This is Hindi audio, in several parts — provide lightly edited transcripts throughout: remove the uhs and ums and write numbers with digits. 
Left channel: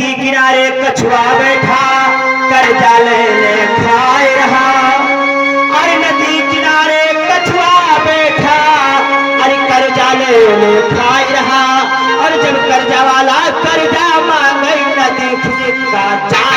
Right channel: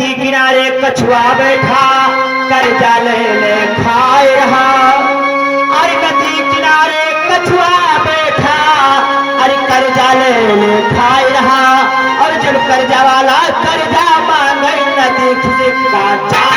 नदी किनारे कछुआ बैठा कर्जा लेने खाए रहा। अरे नदी किनारे कछुआ बैठा अरे कर्जा लेने खाए रहा। और जब कर्जा वाला कर्जा मांगे नदी से काटा।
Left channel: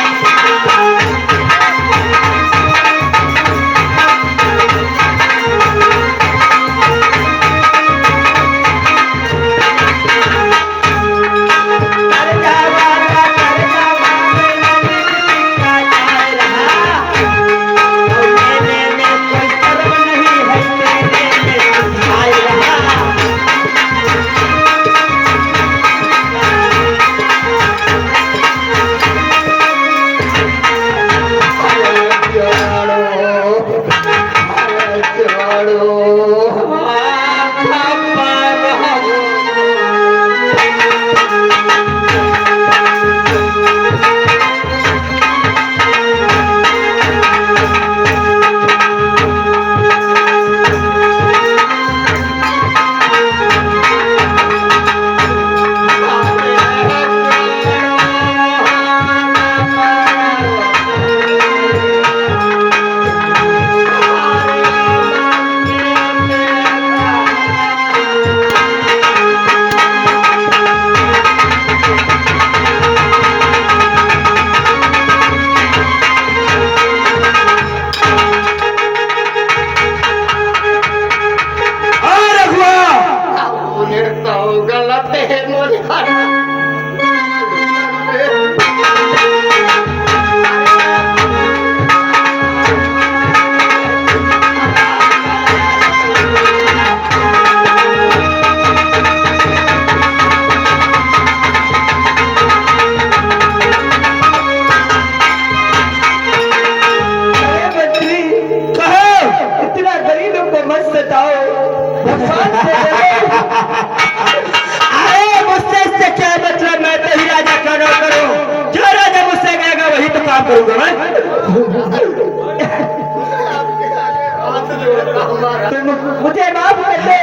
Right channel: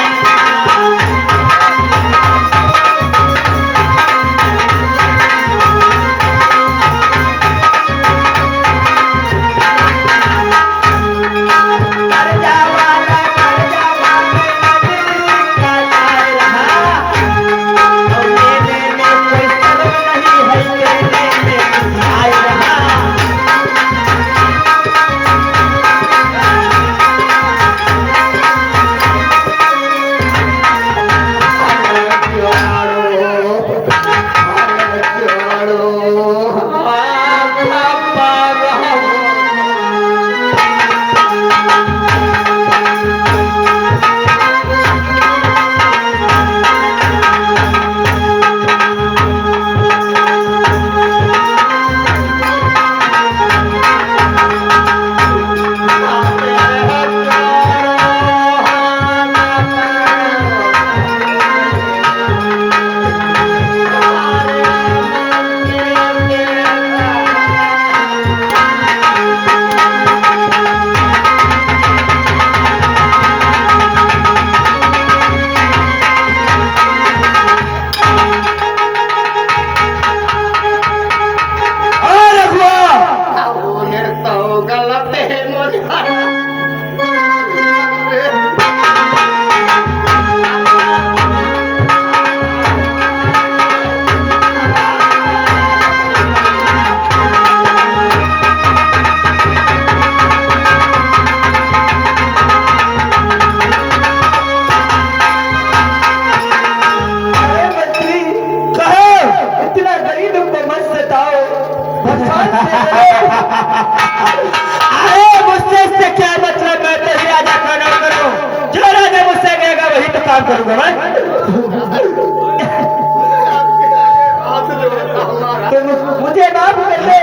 मुझे माफ कर दे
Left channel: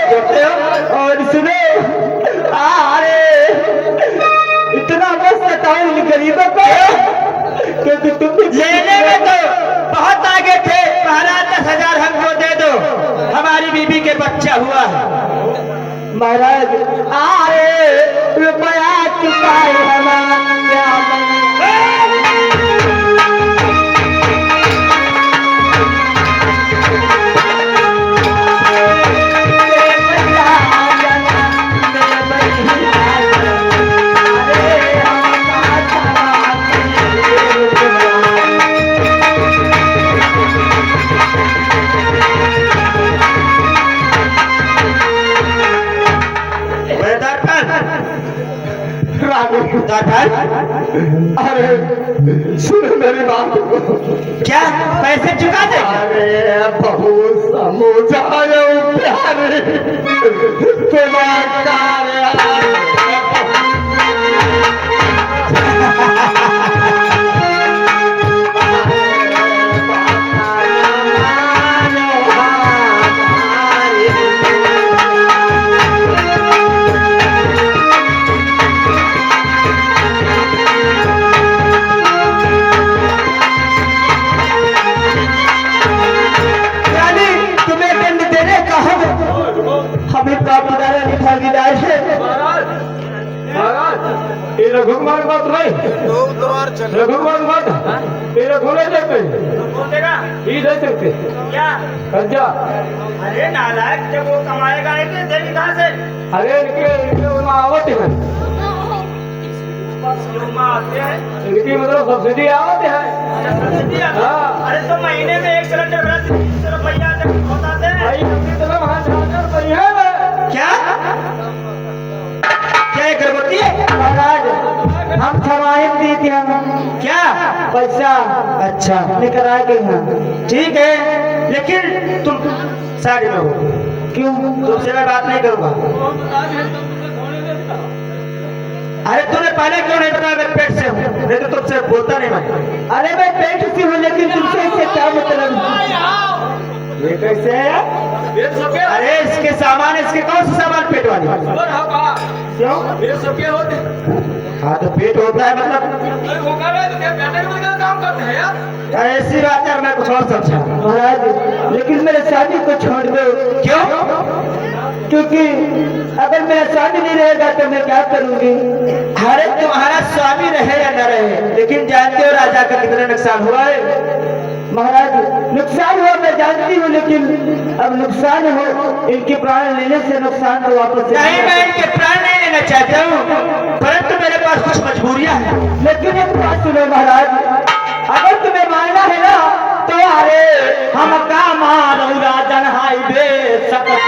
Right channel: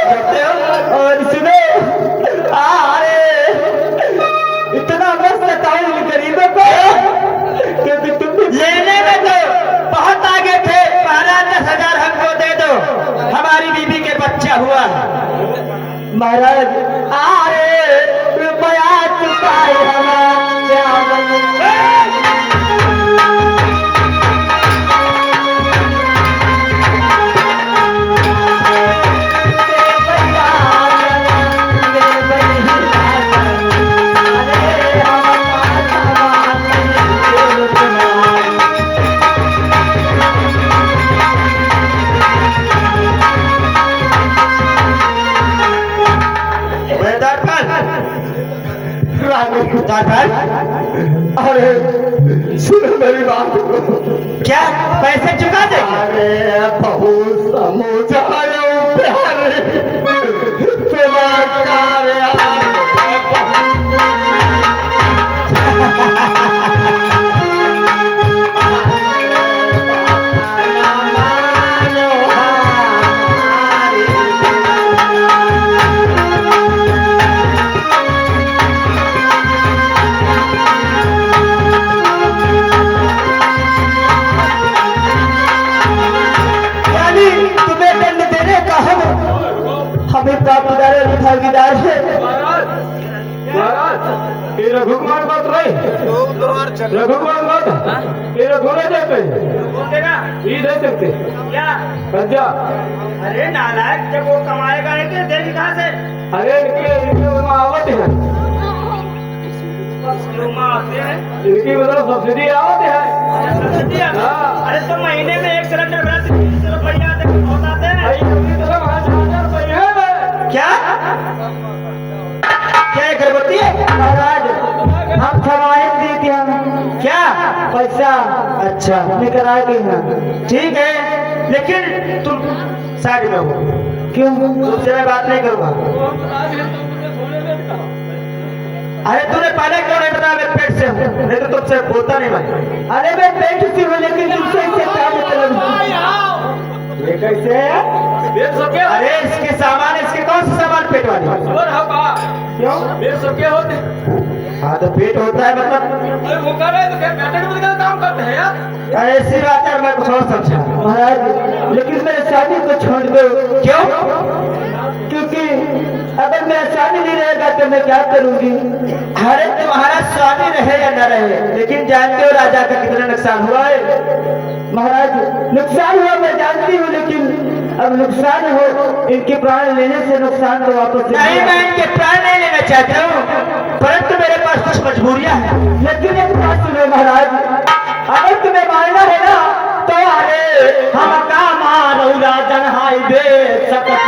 और सुने इतना मत सताओ इन गरीबों को क्योंकि तुम लेने में तो बहुत आगे थे। 10,000 हमको दे दो, हमारी बीबी के बच्चा हुआ। महाराज रुपया चुकाए सुनो मेरी बात। क्या पैसे चुका दे? अरे बहुत समझाया प्यारे तुम्हारा रघुमान बात नहीं रघुमान बात तेरा घोड़े देते ही दे सकते क्या कर्जा। अरे नालायक जब वो कमाएगा नहीं देगी कहाँ से? अरे इनके आवते हैं इनकी मतलब सब्सिडी आवते है। अरे तो महीने में 1 सिलेंडर भरा 300 रुपया होता है। क्या क्या करती है महाराज? हम छमाही दी थी हम क्या पैसा अच्छा लेकर आएंगे यहाँ ठीक है, लेकिन तुम साइड में हो। क्यों? तुमसे मैं बात नहीं करूँगा। अरे तूने पहले क्यों नहीं बताया? मैं पेट से हूँ, नहीं तो तुझसे बोलता नहीं मैं। अरे मैं पेट से हूँ लेकिन तुमसे क्या मतलब? ये कैसे है? अरे इसके सामान इसके कौन सा सामान पेट वाले? क्यों? ये सब क्या होते हैं? हाँ तो पेट होता है मतलब अरे वो कर रहे हैं तो क्या बेटे के बदले काम करते हैं यार? ऐसी बात है, मैं कुछ और समझा महाराज, लेकिन मेरे शादी को छोड़ दो। क्यों? क्योंकि अगर मेरा स्वामी नहीं रहेगा तो मैं क्या करूंगी? अरे तुम्हारा स्वामी रहे या न रहे, लेकिन जानते हो राजा का कितना नुकसान हुआ है? महाराज नुकसान हुआ मैं जानती हूँ, लेकिन अब नुकसान हो, इनके प्राण लेने से नुकसान तो वापस नहीं, मैं इनके प्राण नहीं लेना चाहता हूँ, परंतु मेरे पास कुछ मजबूरियां हैं। लेकिन एक बात सुनो महाराज, अगर तुम्हें मारना है ना तो अरे हम का मारो राजन हाय बे सकत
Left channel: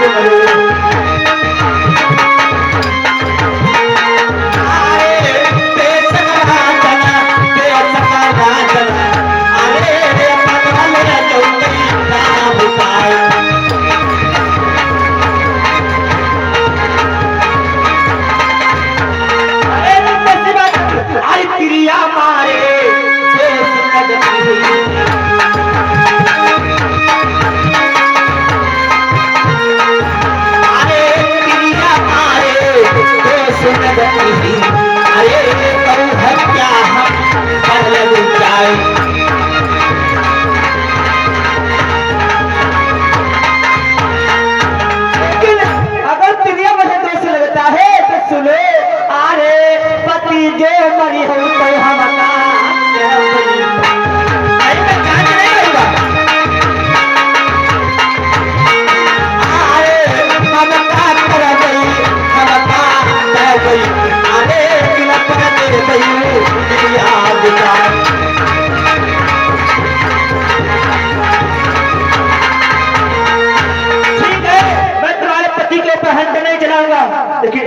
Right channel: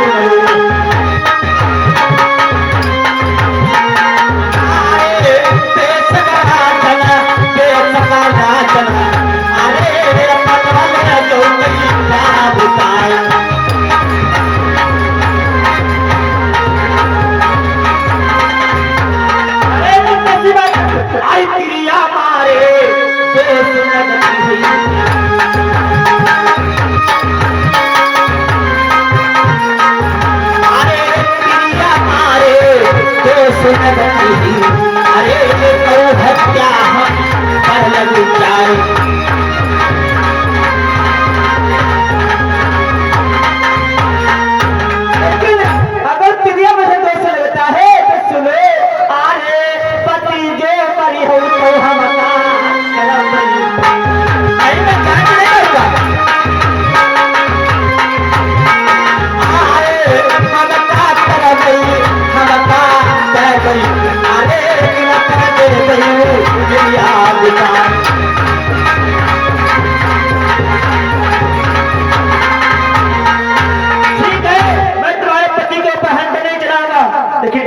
क्रिया मारे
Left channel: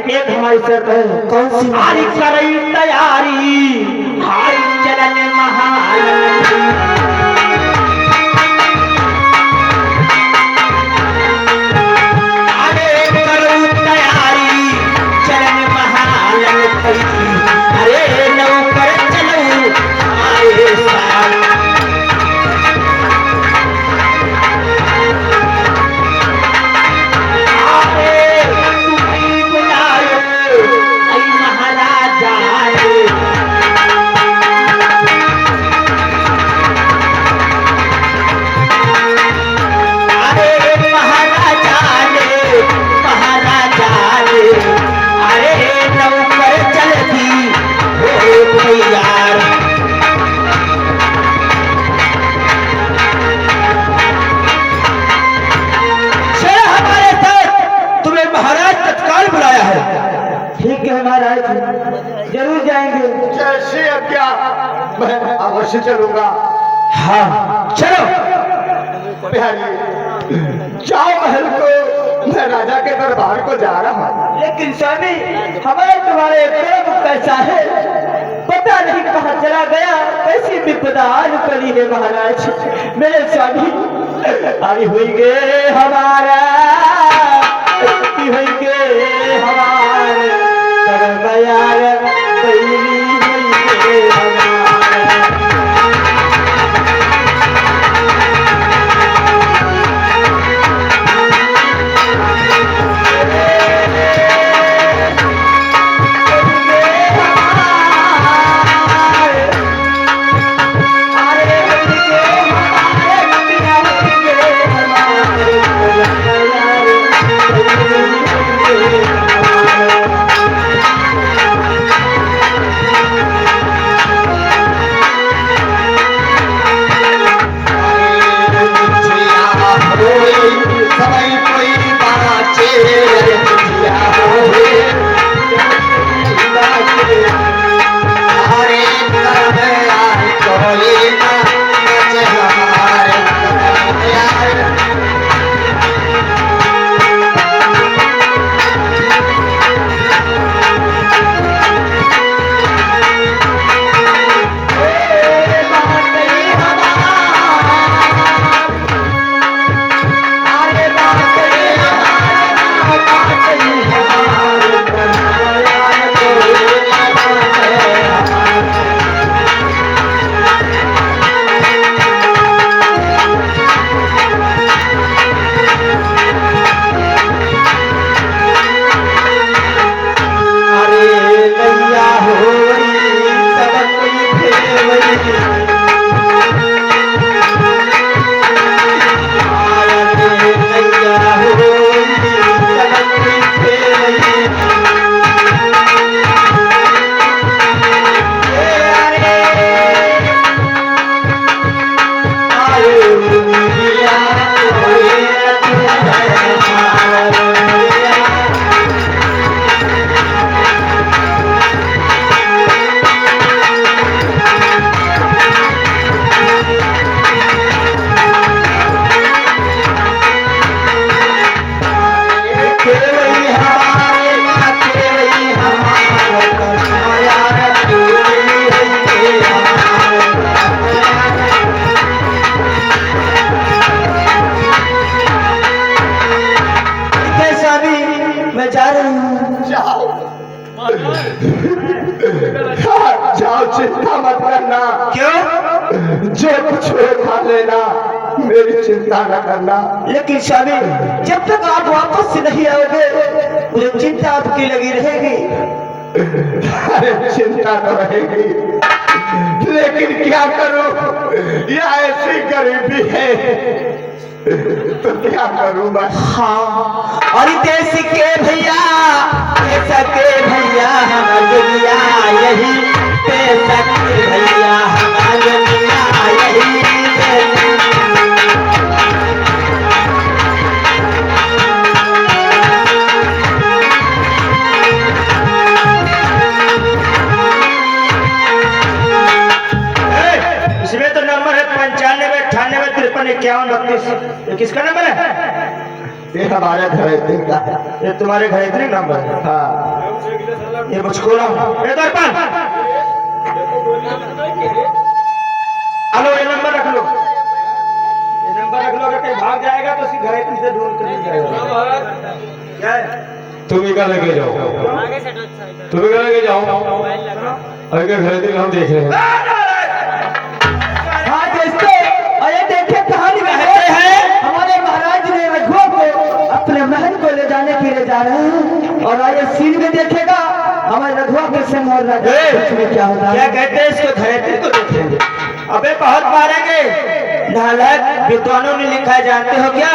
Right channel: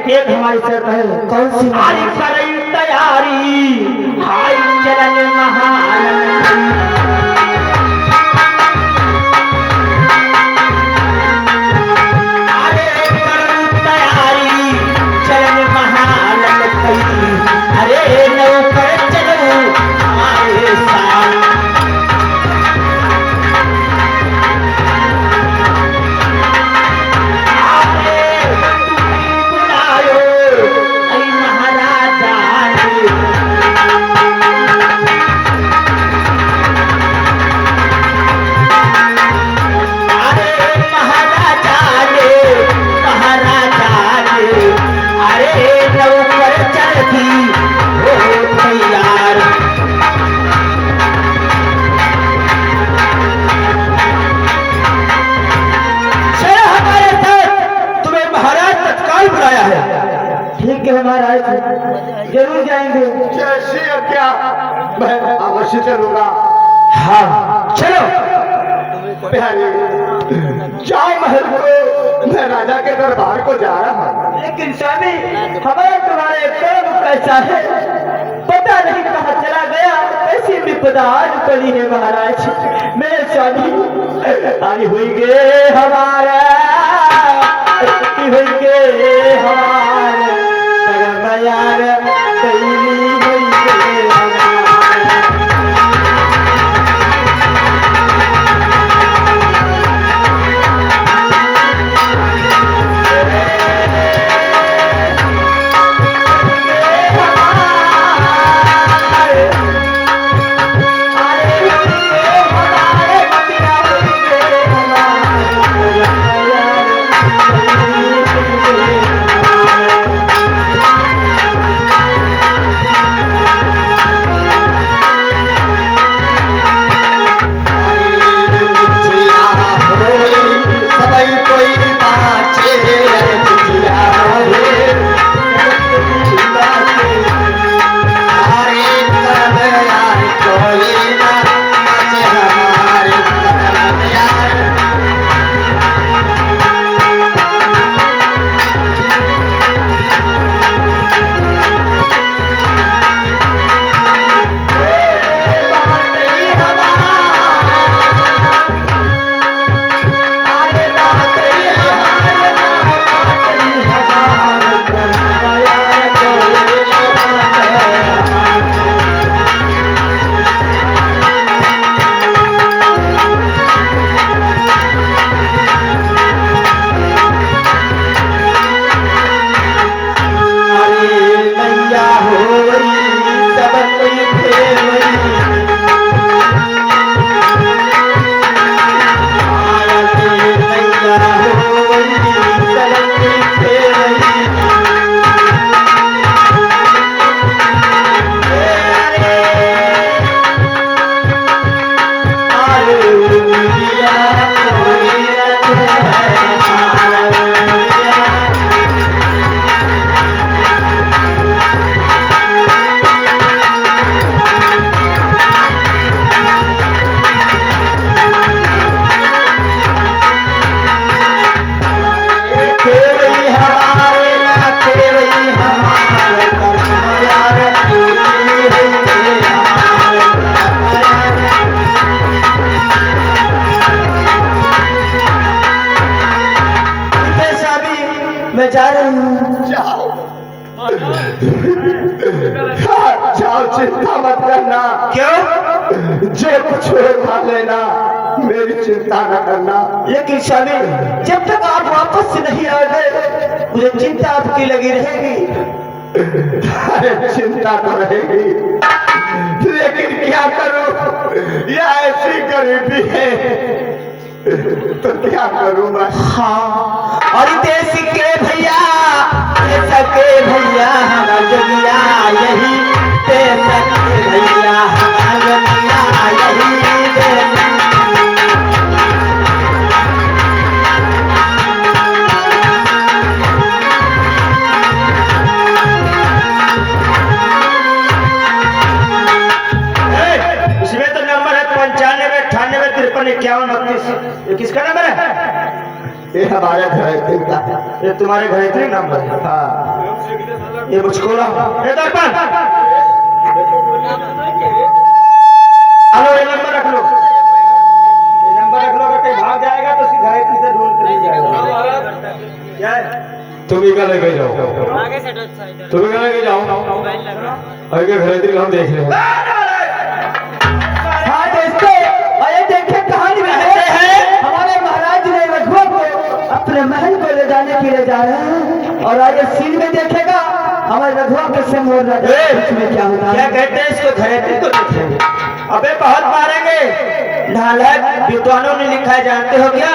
एक हमारी शर्त है। कौन सी? हारी करई तैयारी, हाय चलन महान महाराज जरूर जाएंगे। कैसे क्या? मैं अवश्य चलूंगा। हाँ चलो बिहारी जाओ महल को, मैं राजा के दरबार को जा रहा हूँ। लेकिन स्वामी हमारा तुम्हारे कर्म कैसा है पता नहीं, कहाँ चला गया, ऐसी विपदा आज पड़ी है महाराज। मेरे स्वामी तारी हुई गे हमारा, हुई गे हमारे यार जाओ, चिंता मत करना। क्यों? जो कुछ खा लेना, मेरी चिंता न करना। लेकिन स्वामी, जब तक आप वापस नहीं आओगे मुझे चिंता आपकी लगी रहेगी। अरे चिंता तो रहेगी, लेकिन क्या करूं, यह ऐसी गरीबी है तो क्या करूं मैं। हाँ, और देश के भैया, देश के भैया हम दुनिया यही, देश के भैया हम दुनिया यही। इसमें तो नंबर है 95 98 53 51 29। ये किसका नंबर है? ये हमारे घर का। ये तुम्हारे घर इतने नंबर है? हाँ, ये मुझको ना ये दर्पण, हेलो, ये नंबर रख लो, ये नंबर रख लो। अगर कहीं भाग जाएगा तो उसकी घर इतनी से ढूंढ कर जाएगा। क्या है? तुम ही का लगे जाओ, तुम ही का लगे जाओ, आगे घर हम देख रहे हैं। हाँ दोस्तों, अरे देखे कहानी में है हमारे महाराज ने रघुआ को अपने महल को ले जाने के लिए जा रहे हैं। और आगे सीन में देखेगा हमारे रघुआ के संग और में क्या होता है। क्या कहते हैं इसको? घरेटी को देखेंगे। अबे बहुत मारेंगे। नालायक विद्वानों ने लिखा है, जानते हो क्या?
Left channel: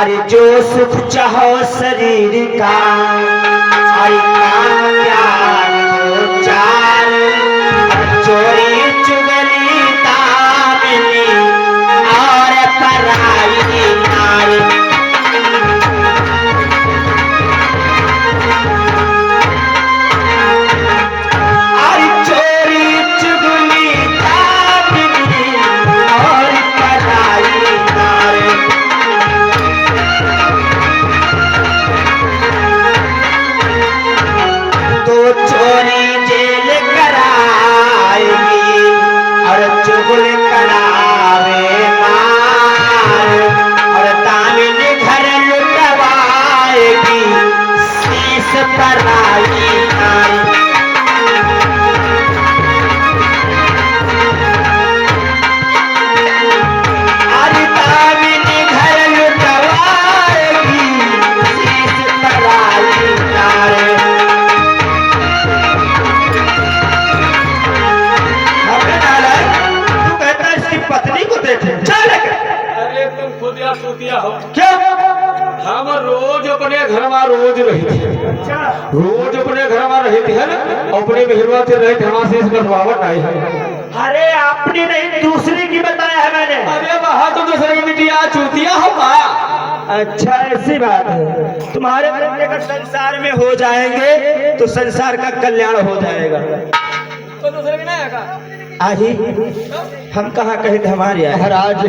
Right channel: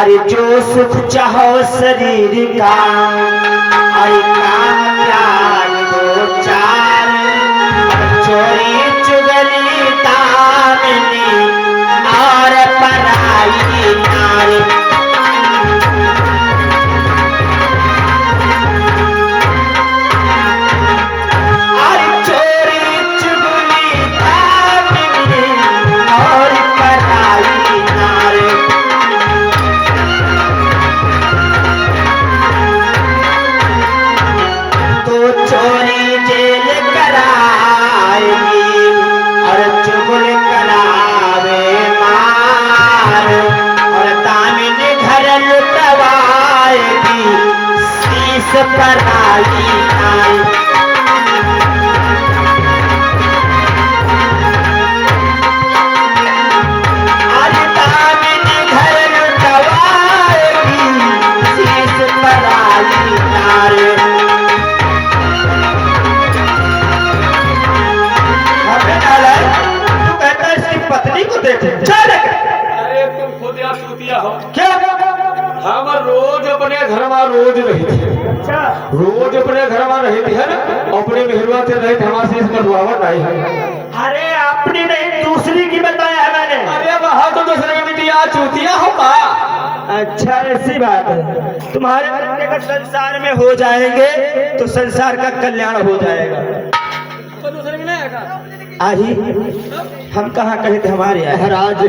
अरे जो सुख चाहो शरीर का, अरे काम ज्ञान दो चार, चोरी चुगली दामिनी और पराई नारी। अरे चोरी चुगली दामिनी और पराई नारी। तो चोरी जेल कराएगी और चुगल करावे मार, और दामिनी घर लुटवाएगी शीश पराई नारी। अरे दामिनी घर लुटवाएगी शीश पराई नारी। तू कहता है इसकी पत्नी को देखे, चल। अरे तुम खुद या सूतिया हो। क्या? हम रोज अपने घर में रोज रही थी, अच्छा, रोज अपने घर में रही थी है ना, अपनी मेहरबान से रही हमारे इसमें रुआवट आई है। अरे अपनी नहीं दूसरी की बताया है मैंने। अरे वहाँ तो दूसरी बिटिया चूतिया होगा। अच्छा, ऐसी बात है। तुम्हारे बच्चे का संसार में हो जाएंगे तो संसार का कल्याण हो जाएगा। तो दूसरे भी नहीं है। आही हम कहाँ कहे थे हमारी आए। महाराज,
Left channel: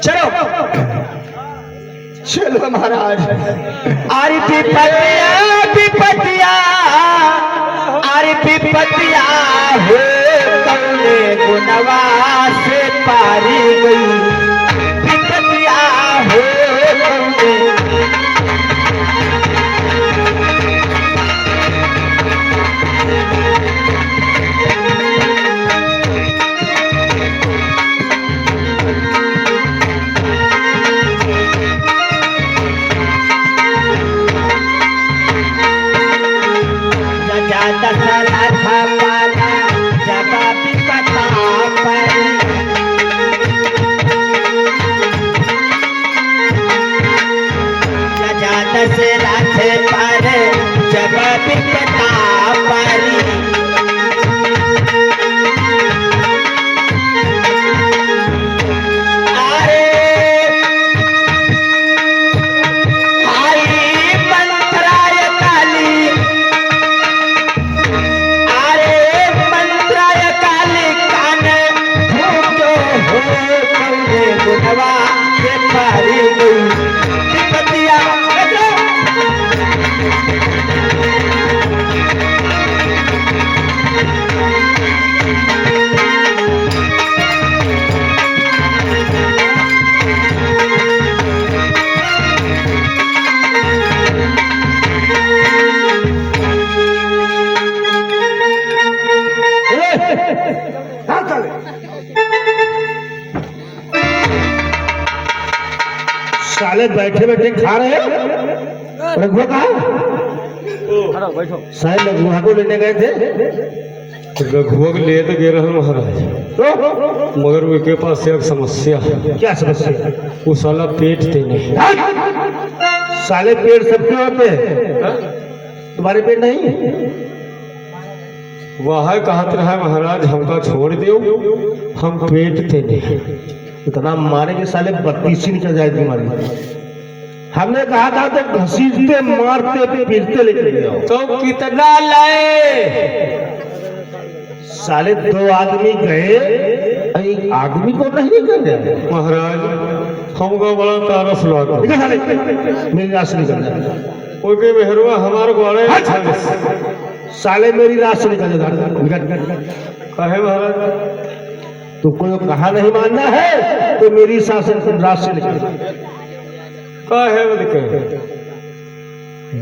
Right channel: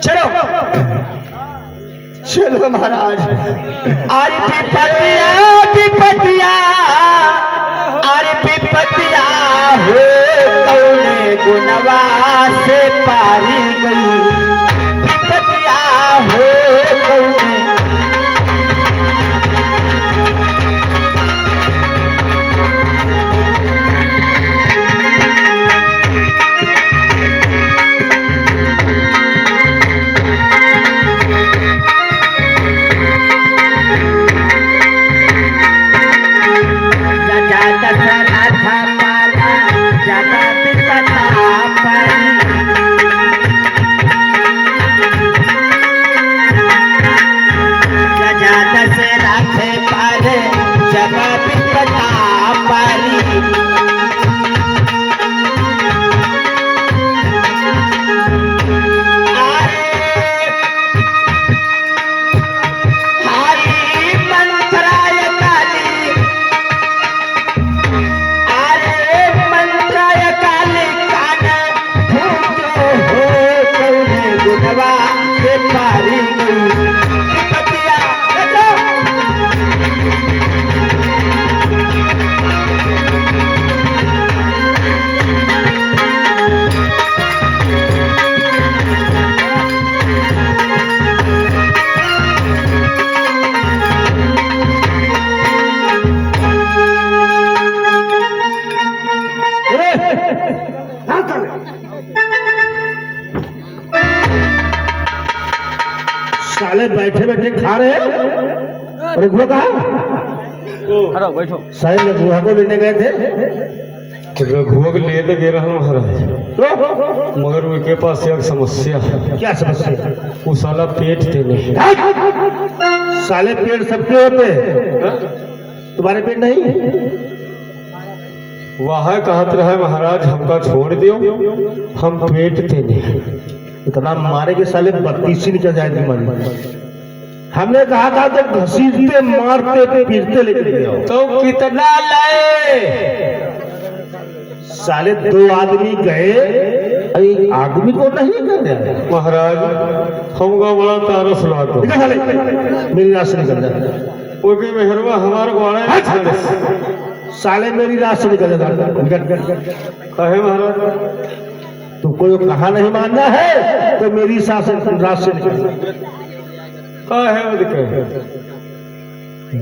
चलो चलो महाराज। आरी विपतिया, विपतिया, आरी विपतिया हो कौने गुनवा से पारी गई। विपतिया हो कौने। बैठे बैठे खा रहे हैं। रघुआ कहा बैठो। शायद रघुआ को लेने गए थे। रघुआ को ले तो गए रहे महाराज, तो मगर उनके पास एक समस्या है। क्या समस्या? वो साला पेट देने। साले पेड़ सबके होते हैं, तुम्हारे पेड़ नहीं? वह कहत रहे महाराज हमका छोड़ दियो, हम पेट देने। इतना मारे के साले 32 ही निकल जाएगी मारे। हमने कहा था तो घसीटते मारते पीटते लेकर गए। तो कितना लाए? साले 2 आदमी गए, एक आदमी को नहीं कर जाए। महाराज हमको बड़ा तरस लगा। मेरी रात से निकल जाए। ओके मेहरवा हमारे को आए साले मेरी रात से निकल जाता। काहे महाराज? तुमको जो कहा नहीं मानना है तो मेरी रात से निकल जा। काहे वो दिक्कत?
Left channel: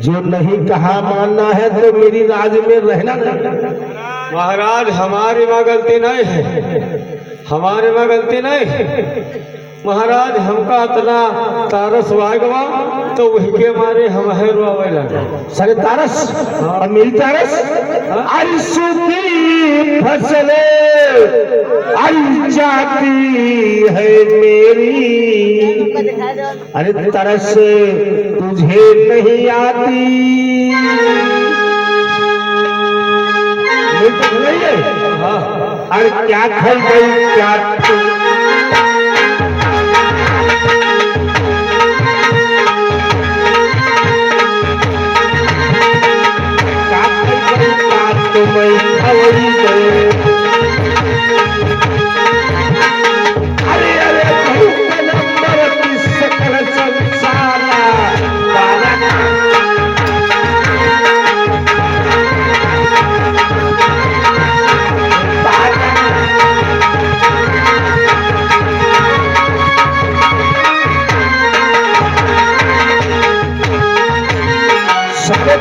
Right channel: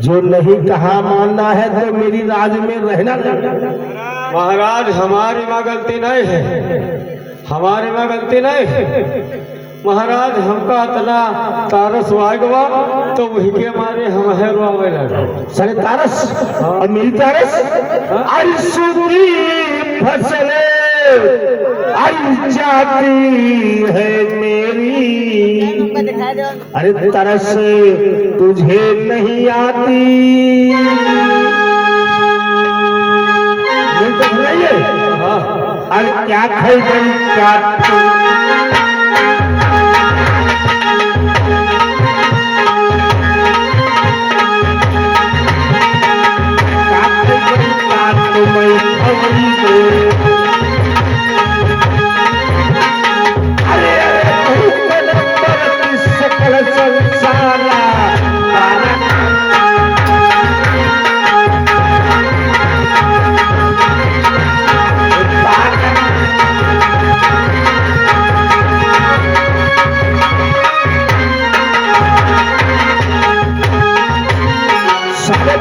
जो नहीं कहा मानना है तो मेरी राज में रहना नहीं। महाराज हमारी में गलती नहीं है, हमारे में गलती नहीं है। महाराज हमका इतना तारस वागवा तो वही के मारे हम है रोवे लगे। सारे तारस और मेरी तारस अलसू की फसले अल जाती है मेरी। अरे तरस तुझे नहीं आती। बोल तो भलाइए। अरे क्या खाई गई क्या तू?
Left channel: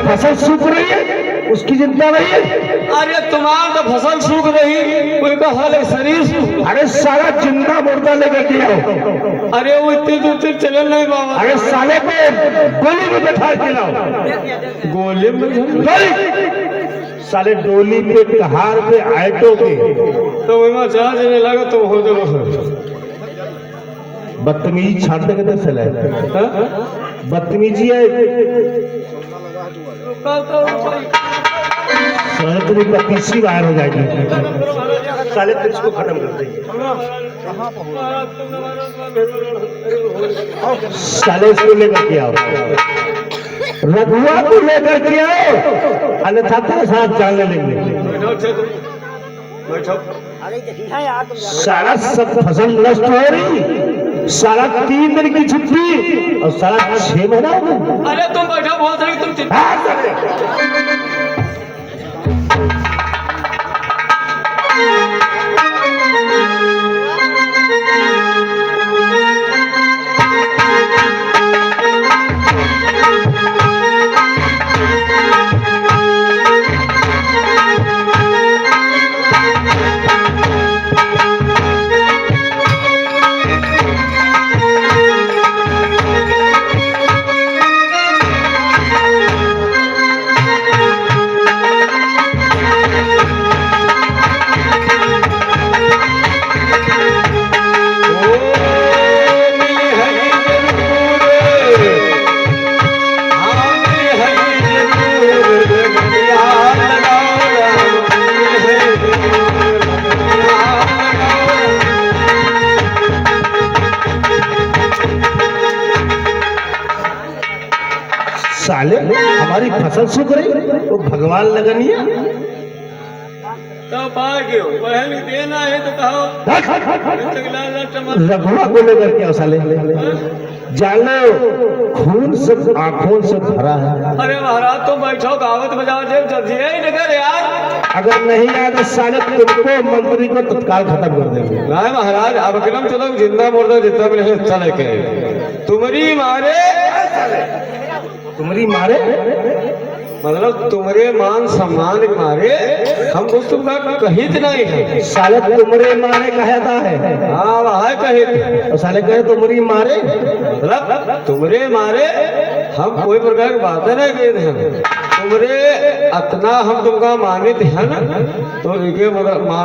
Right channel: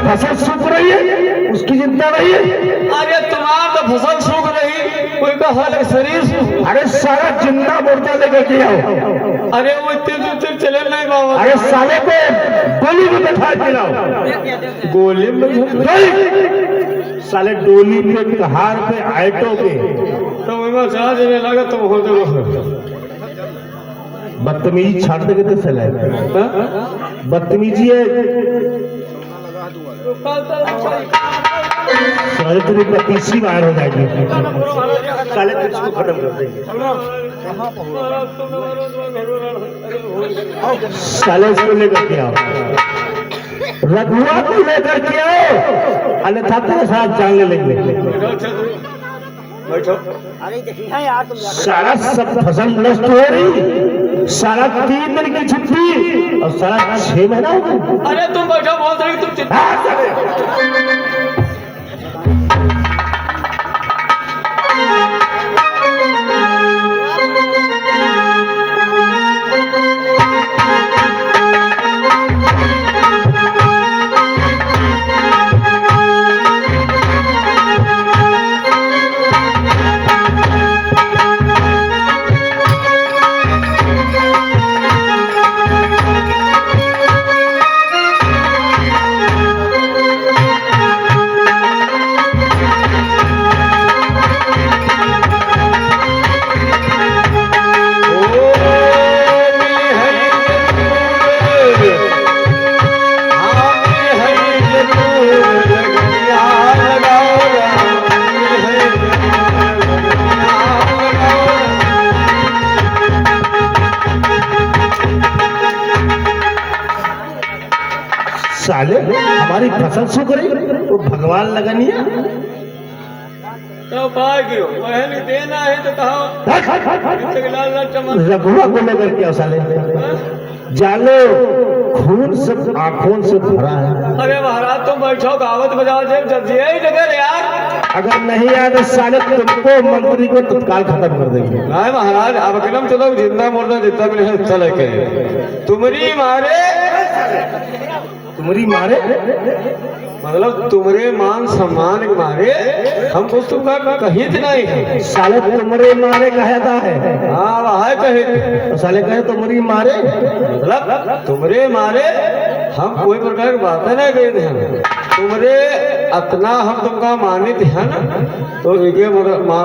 फसल सूख रही है, उसकी चिंता नहीं है। अरे तुम्हारा तो फसल सूख रही, कोई का हाल है शरीर। अरे सारा जिंदा मुर्दा लेकर के आओ। अरे वो इतने दूर चले नहीं बाबा। अरे साले को गोली में बैठा के लाओ। गोली में साले डोली पे कहार पे आयटो पे तो वहाँ चार्ज नहीं लगे तो हो जाएगा। बदतमीजी छाड़ते कहते फैलाए। बदतमीजी है। साले तेरी 32वीं बार हो जाएगी। साले तेरे को खत्म कर देंगे। साले इसको लेकर के आओ, रघुआ को लेकर के आओ, अन्यथा तेरे साथ जान ले लेंगे। सारा सब फसल नष्ट हो रही, सारा 3 दिन की छुट्टी और सारा 6 महीना। अरे तुम बैठो बहुत रही तुम साले हमारी फसल सूख रही वो भगवान लगनिया। तो भाग्यो पहले देना है तो कहो। रघुआ को लेकर क्या साले जानो खून सब आंखों से भरा है। अरे महाराज तुम बैठो गावत बजा दे जब यही नगर यार। अगर नहीं आया तो साले तुमको मंत्री को तत्काल खत्म कर देंगे। नहीं महाराज अब कदम चलो जिंदा मुर्दा जितना भी है चले करे तुम्हारी मारे तुम्हारी मारे मतलब तुम्हारे मान सम्मान के मारे हम कुछ तुमका कहित नहीं है। साले तुम्हारे मारे कहता है। हाँ वहाँ कहित तो साले कहे तुम्हारी मारे, मतलब तुम्हारे मारे हम कोई प्रकार की बात नहीं कहते हैं। तुम्हारे अतना हम तुमका मानित है ना, तो एक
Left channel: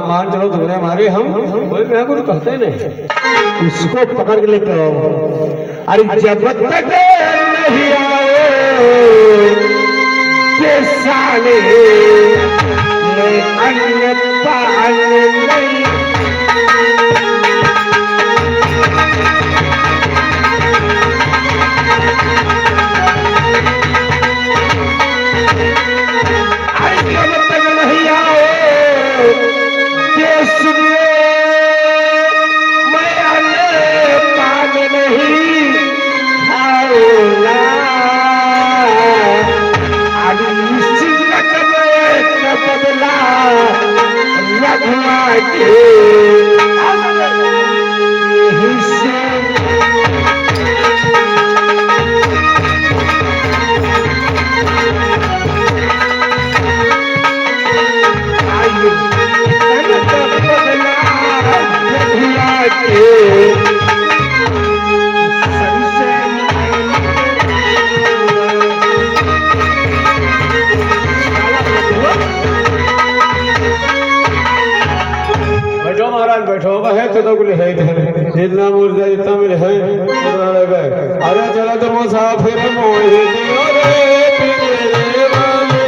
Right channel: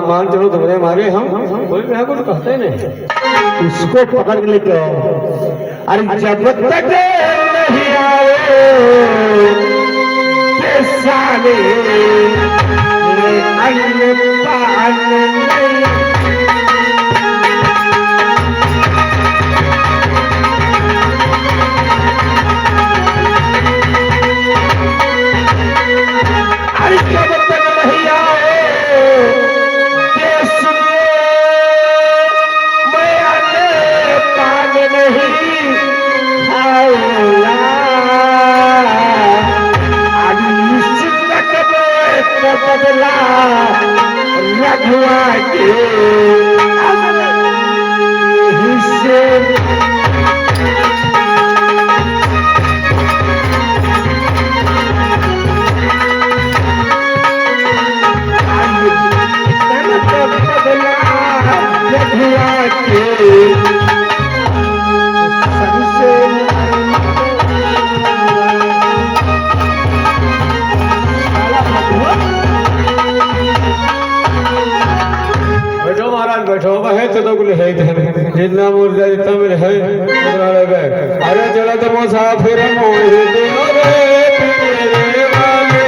मान चलो तुम्हारे मारे हम कोई प्रकार कुछ कहते नहीं। उसको पकड़ के लेके आओ। अरे जब तक नहीं आए ये साले मैं अन्न पान नहीं। अरे जब तक नहीं आए ये सुनिए मैं अन्न पान नहीं खाऊंगा। अभी सिंदक में बदला रघुआ के हिस्से। बदला रघुआ के बैठो महाराज बैठो है तो कुल है जितना मुर्जा जितना मिल है उतना लगे। अरे चला तो मुसाफिर मोहे दियो रे तेरे वाले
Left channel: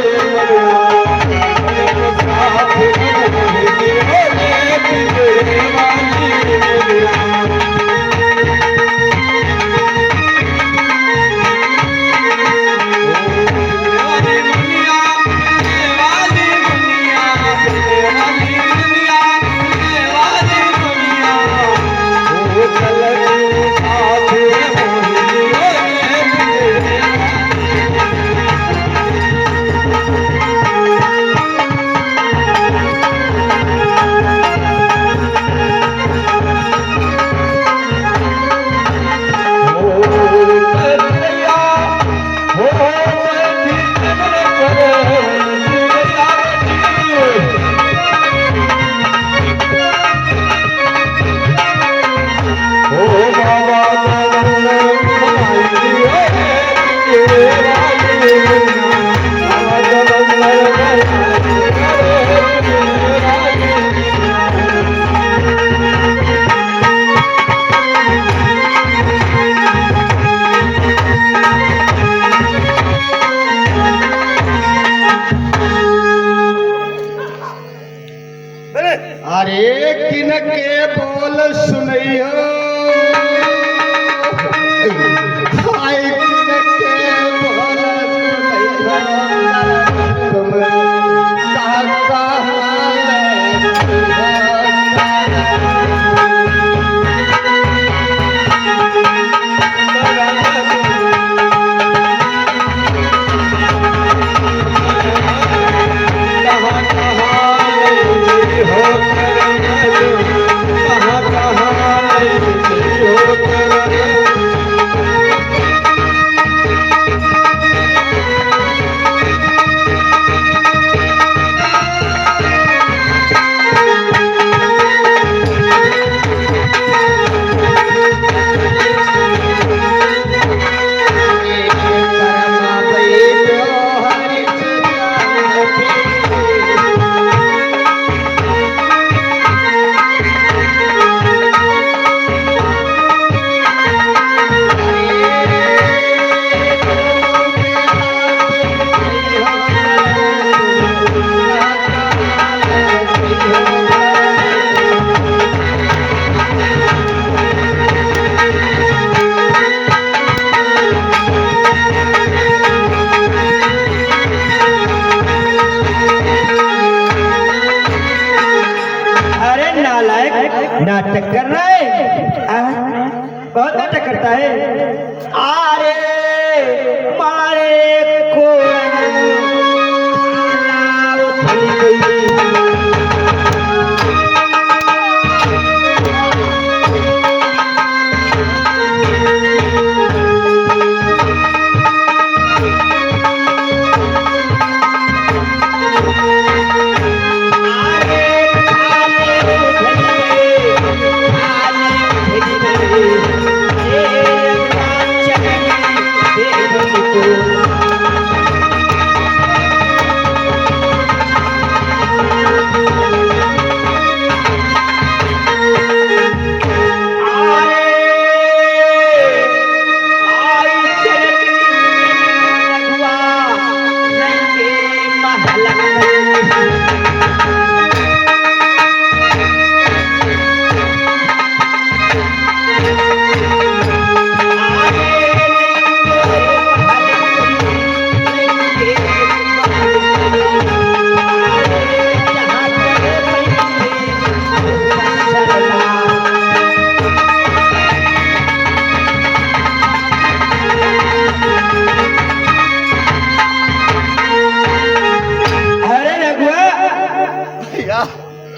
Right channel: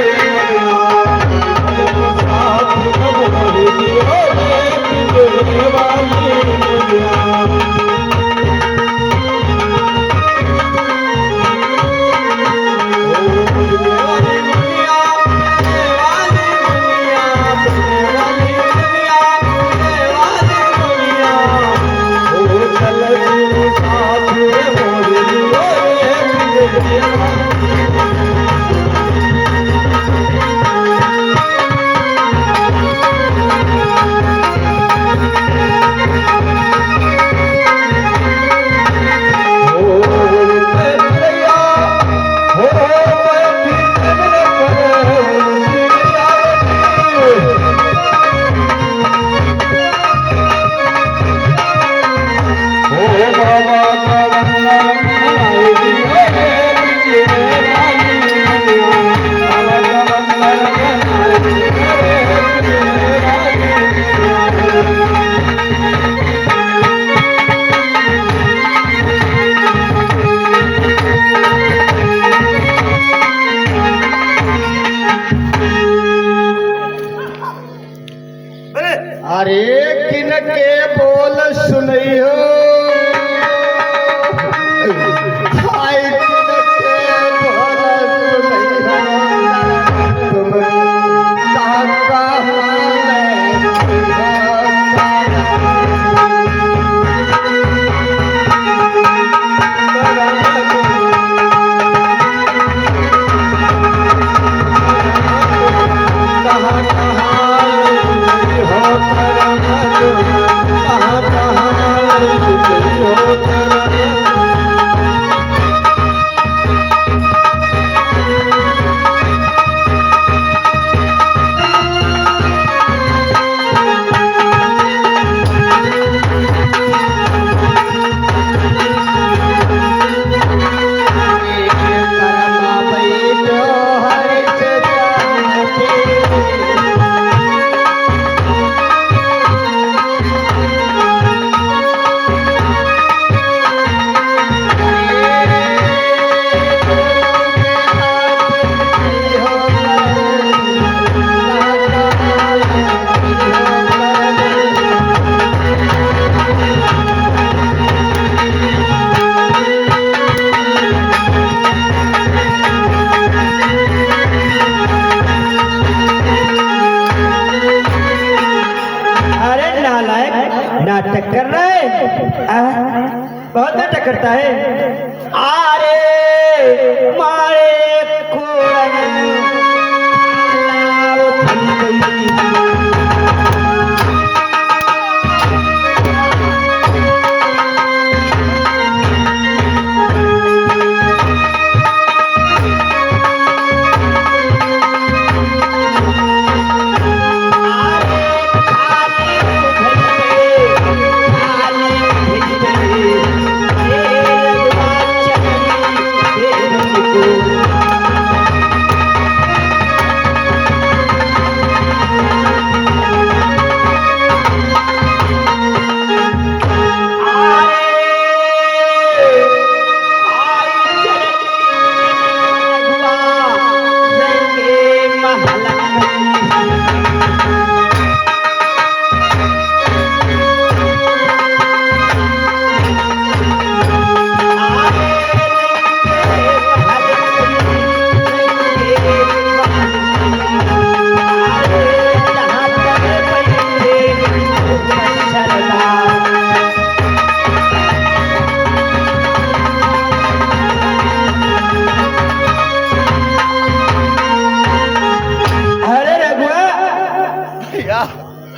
कहाँ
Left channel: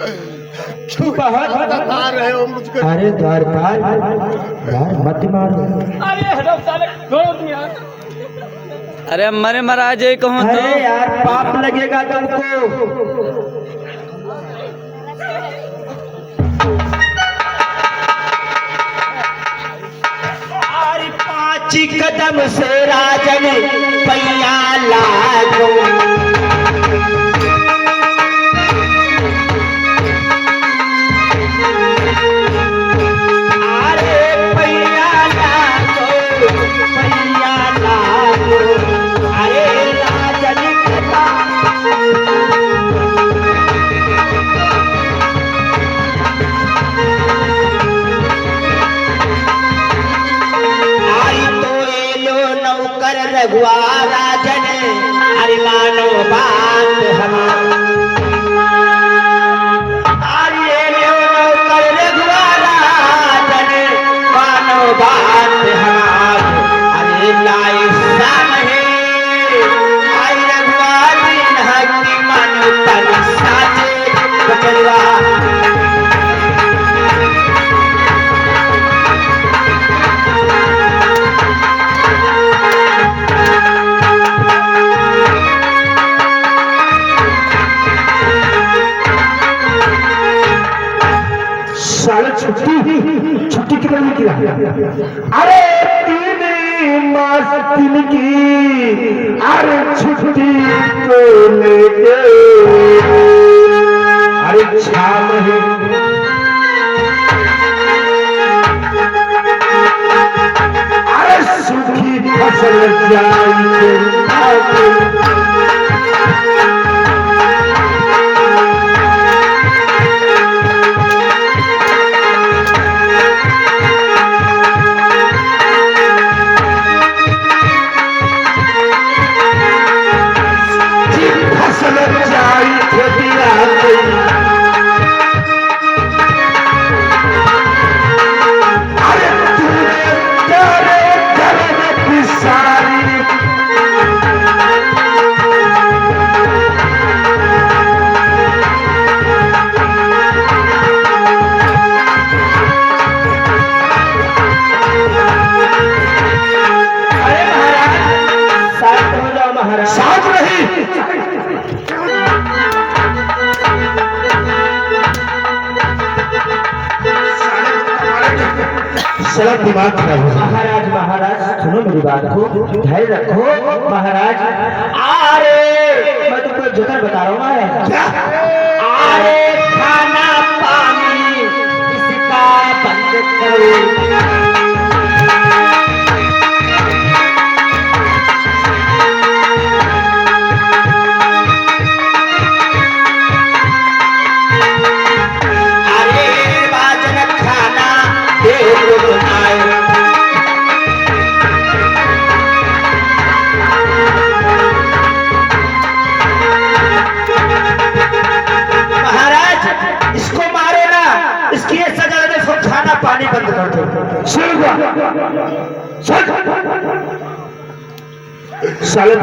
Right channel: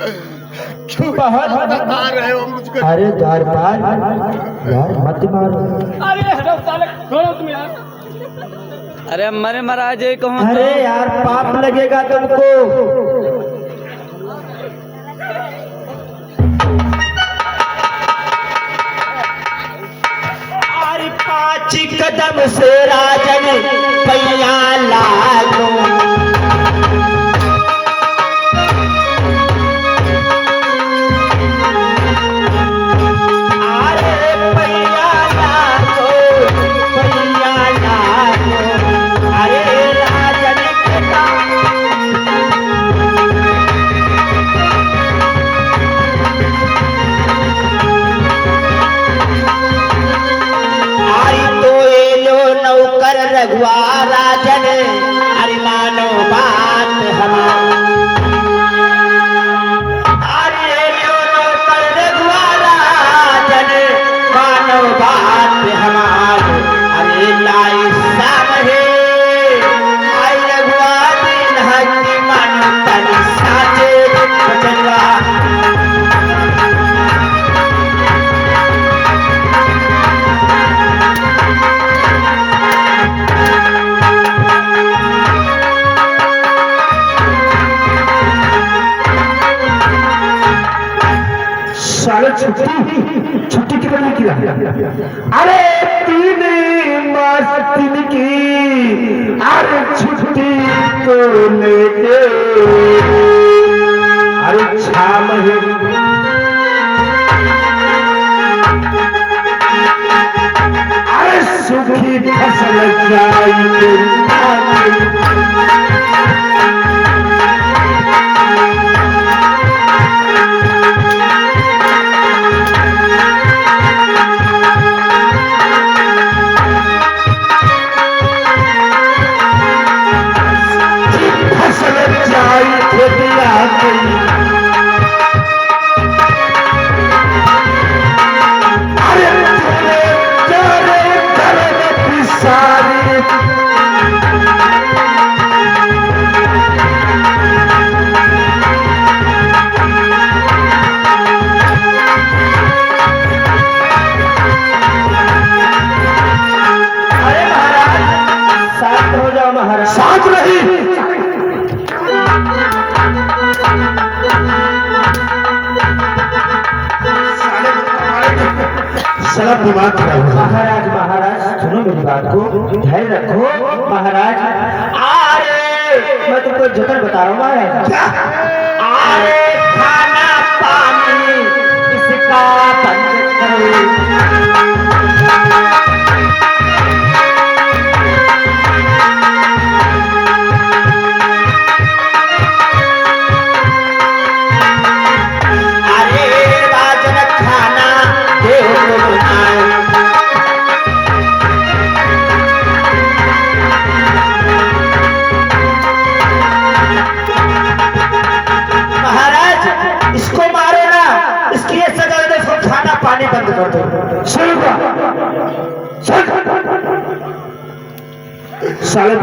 क्यों बता रहे हो मुझको? अरे द्वारपाल यार मत मारो। अरे मरे महाराज ये कहूँ अरे तो यार पाप लगेगा तुमको। अरे 5 कदम से राजन पैया लागो। राजन हरि मानो बात मानो बात हमारे लाई सामने आई रघुआरी हकी मन तन साजे बचनवा। छुट्टी कितना नहीं किया? अरे 3 मास 3 की अरे छुट्टी को लेके अरे 6 महीने अरे सूखी फसल जाएगी। महाराज महाराज सुनो मेरी बात को, धैर्य रखो महाराज। अरे मैं तुमको जगह बता रहा हूँ। अरे खाना पानी इसका बंद करो। साले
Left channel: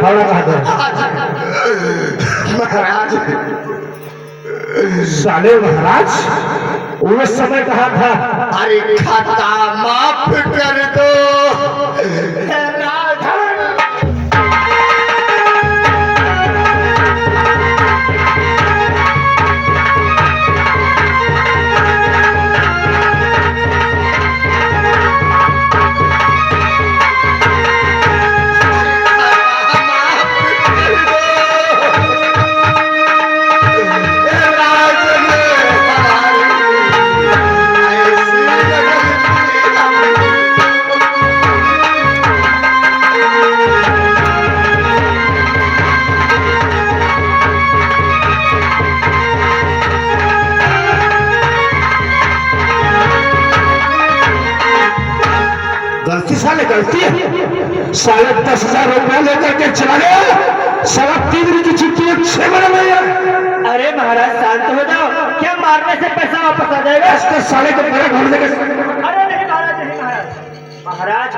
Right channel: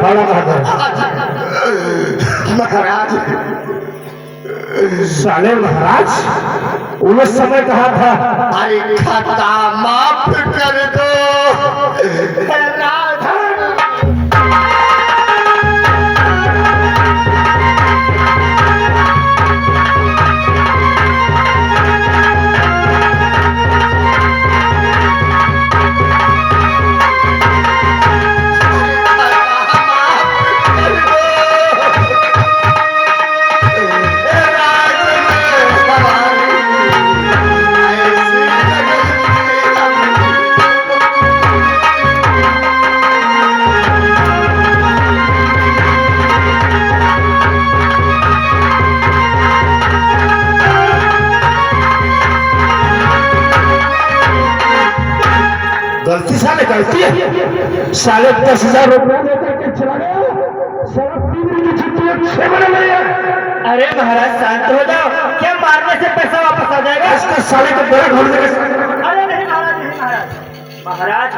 महाराज साले महाराज उस समय कहा था अरे खाता माफ कर दो। साढ़े 10,000 रुपया लेकर के चला गया। 3.25 दिन की छुट्टी 6 महीने में। अरे महाराज शांत हो जाओ, क्या मारने से पैसा वापस आ जाएगा? इसके साले को मेरे ढूंढने का। अरे नहीं महाराज, नहीं महाराज। महाराज